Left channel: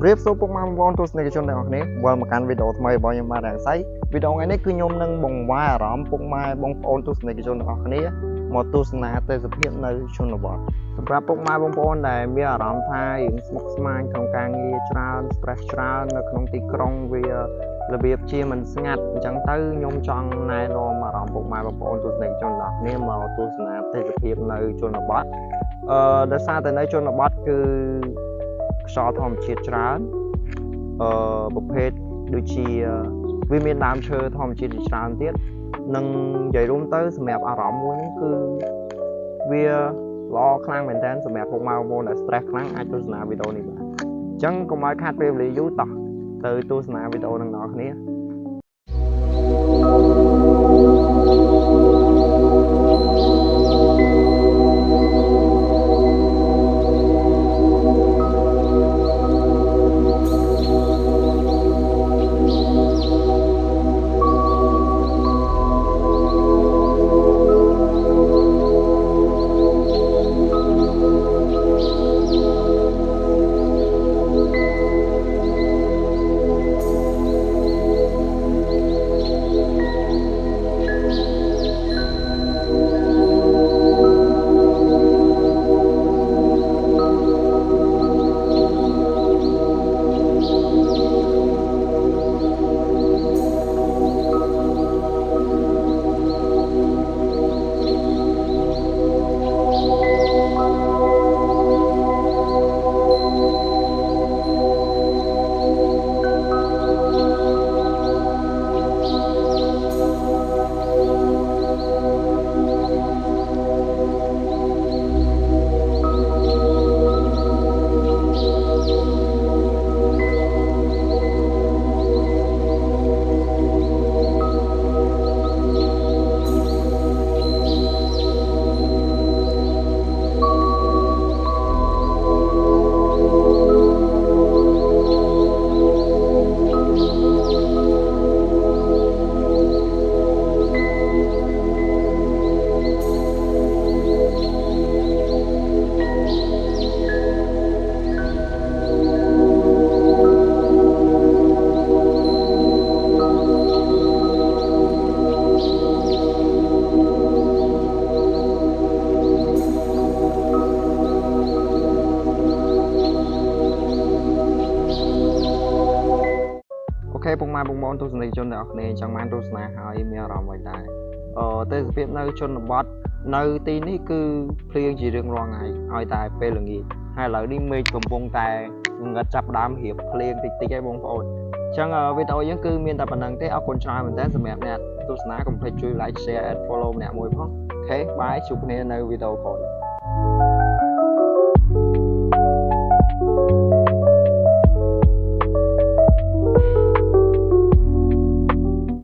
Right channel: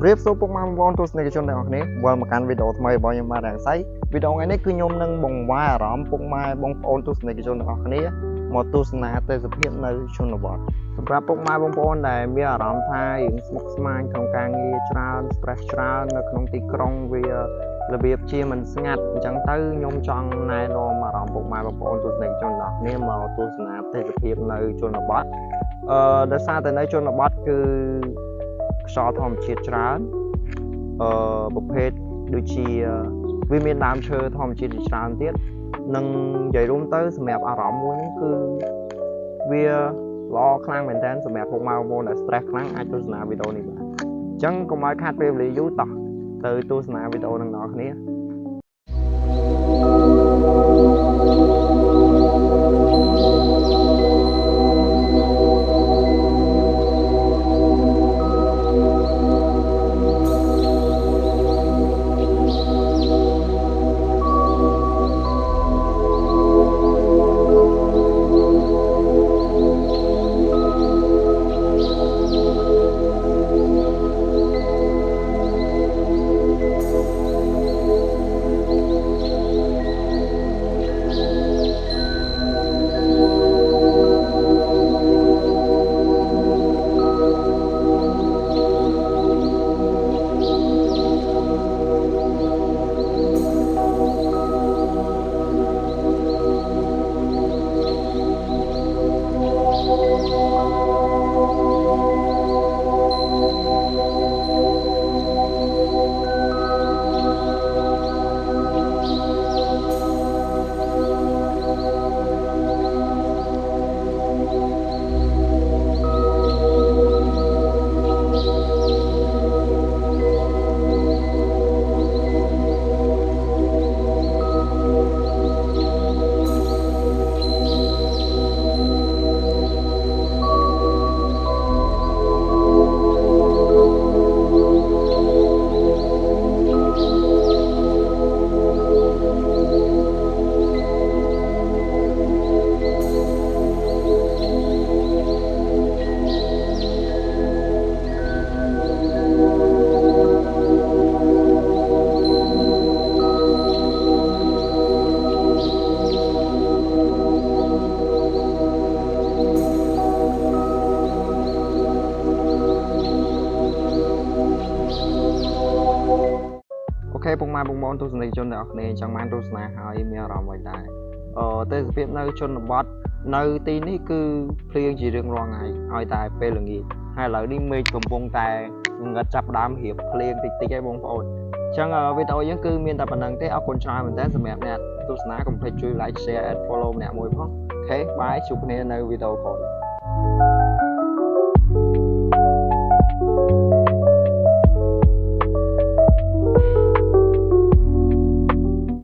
ជំរាបសួរពុកម៉ែបងប្អូនទស្សនិកជនទាំងអស់គ្នាវិលមកកាន់វីដេអូថ្មីរបស់ខ្ញុំបាទរាំងសៃវីដេអូថ្ងៃនេះគឺខ្ញុំនឹងបង្វែរអារម្មណ៍ពុកម៉ែបងប្អូនទស្សនិកជនទាំងអស់គ្នាមកទស្សនាទេសភាពនៅជនបទសម្រាប់ពុកម៉ែបងប្អូនដែលមានអារម្មណ៍ថាយើងស្មុគស្មាញក្នុងការងារច្រើន stress ច្រើននៅក្នុងទីក្រុងវារបៀបជាមិនស្ងាត់អញ្ចឹងទៅខ្ញុំចង់ណែនាំអារម្មណ៍ពុកម៉ែបងប្អូនទស្សនិកជនទាំងអស់គ្នាមកទស្សនាទេសភាពនៅជនបទដោយសារតែនៅជនបទគឺខ្យល់ធម្មជាតិច្រើនប្រភេទដូចជាវាមានដើមឈើធម្មជាតិជាច្រើនទៀតនិងនិយាយរួមទៅសម្រាប់អារម្មណ៍មួយហ្នឹងគឺវាល្អខ្លាំងមែនតើសម្រាប់ពុកម៉ែបងប្អូនដែល stress ខ្លាំងអាចទស្សនាវីដេអូនេះបានអញ្ចឹងកុំឲ្យខាតពេលវេលាយូរតោះទៅទស្សនាវីដេអូនឹងដល់គ្នាអូខេពុកម៉ែបងប្អូនទស្សនិកជនទាំងអស់គ្នាចង់បានទស្សនាហើយមានអារម្មណ៍អ្វីដែរទេសភាពនៅជនបទនៅទីនេះគឺភ្លៀងជារៀងរាល់ថ្ងៃឲ្យតែពេលល្ងាចហើយឥឡូវនេះមេឃកំពុងតែងឹតចាប់ដើមរៀបភ្លៀងតិចតិចឯងបងប្អូនអញ្ចឹងវីដេអូយើងគឺមានតែប៉ុណ្្នឹងទេអរគុណច្រើនមែនតើសម្រាប់អ្នកទស្សនាកុំភ្លេចជួយ like share and follow ម្នាក់មួយផងអូខេបាយជួបគ្នានៅវីដេអូក្រោយ